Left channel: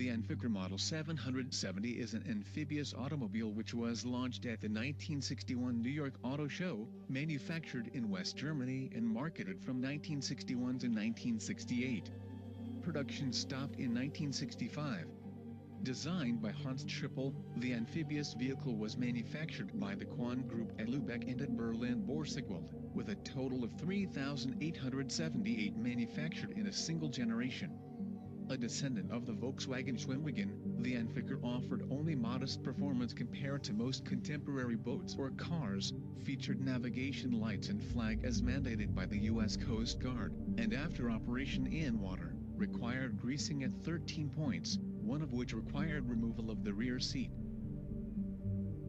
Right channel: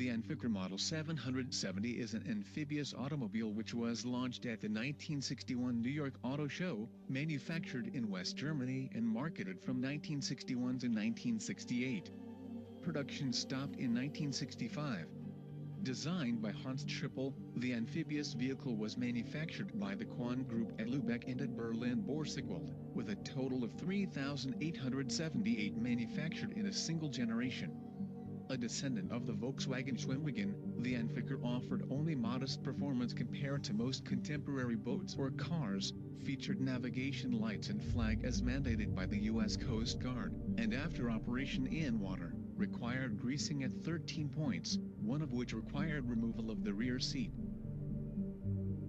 The Amphicar Model 770 is an amphibious automobile which was launched at the 1961 New York Auto Show, manufactured in West Germany and marketed from 1961 to 1968. Production stopped in 1965. Designed by Hans Trippel, the amphibious vehicle was manufactured by the Quandt Group at Lübeck and at Berlin-Borsigwalde, with a total of 3,878 manufactured in a single generation. A descendant of the Volkswagen Schwimmwagen, the Amphicar offered only modest performance compared to most contemporary boats or cars, featured navigation lights and flag as mandated by the U.S. Coast Guard, and after operation in water, required greasing at 13 points, one of which required removal of the rear seat.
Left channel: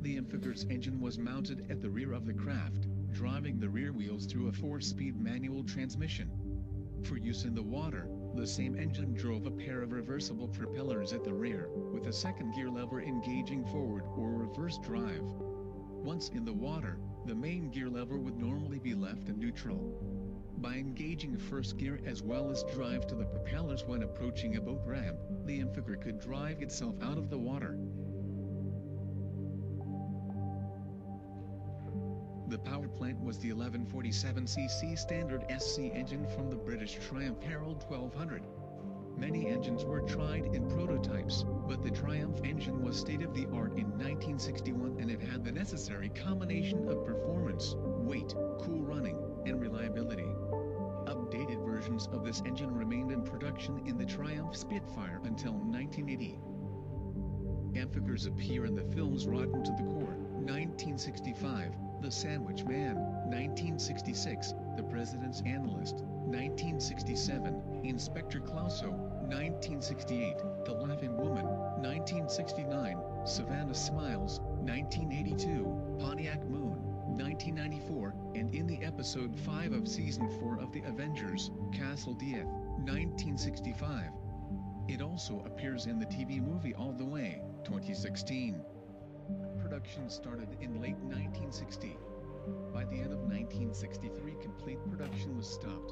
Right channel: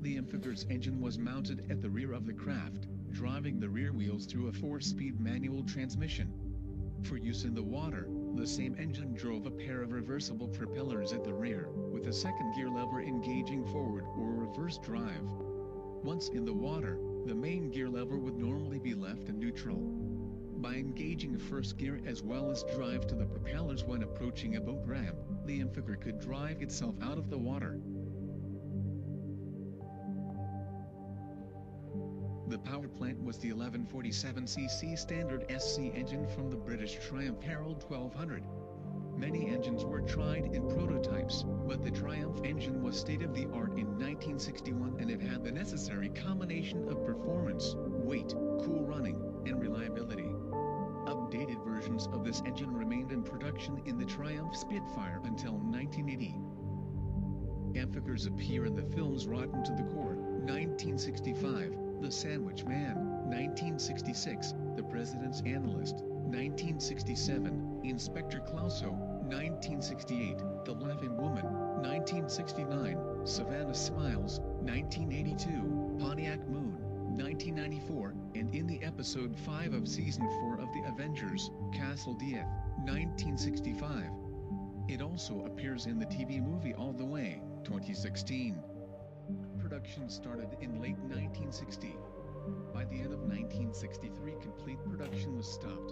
The Amphicar's engine was mounted at the rear of the craft, driving the rear wheels through a 4-speed manual transmission. For use in the water, the same engine drove a pair of reversible propellers at the rear, with a second gear lever engaging forward or reverse drive. Once in the water, the main gear lever would normally be left in neutral. By engaging first gear as well as drive to the propellers when approaching a boat ramp, the Amphicar could drive itself out of the water. The power plant was the 1147cc standard SC engine from the British Triumph Herald 1200. Many engines were tried in prototypes, but the Triumph engine was state-of-the-art in 1961 and it had the necessary combination of performance, weight, cool running, and reliability. Updated versions of this engine remained in production in the Triumph Spitfire until 1980. Amphicar's appear in the films Rotten to the Core, 1965, The Sandwich Man, 1966, The President's Analyst, 1967, Inspector Clouseau, 1968, The Laughing Woman, 1969, Savannah Smiles, 1982, Pontiac Moon, 1994, and in the episode 5 of Season 4 of The Avengers, Castle Death, 1965. It also appears in the TV movie All the Way, 2016. Production started in late 1960. By the end of 1963, complete production was stopped.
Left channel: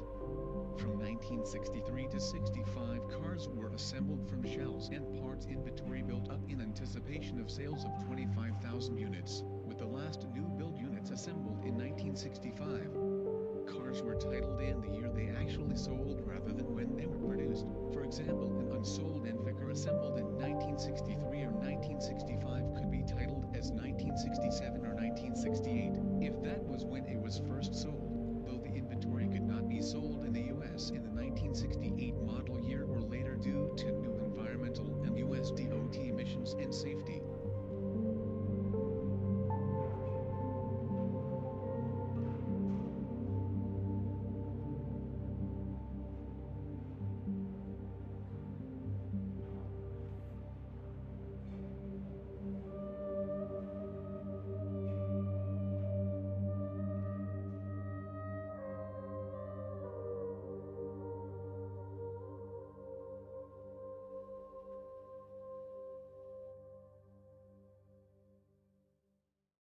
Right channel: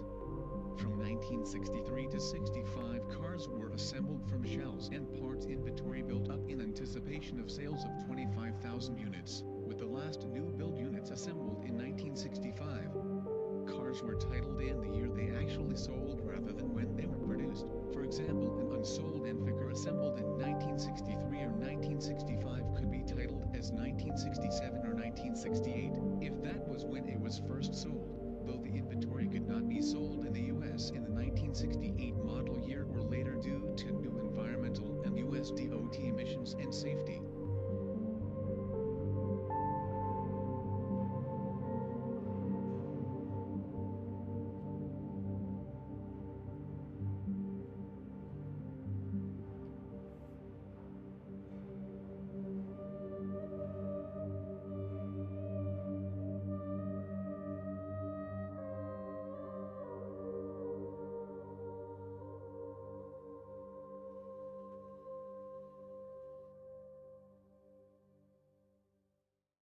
From 1963 to 65, cars were assembled from shells and parts inventory built up in anticipation of sales of 25,000 units, with the last new build units assembled in 1965. Cars were titled in the year they actually sold rather than when they were produced. For example, an unsold Amphicar assembled in 1963 or 1965 could be titled as 1967 or 1968, if that was when it was first sold, though the inventory could not be sold in the U.S. in the 1968 model year or later due to new environmental and U.S. DOT emissions and safety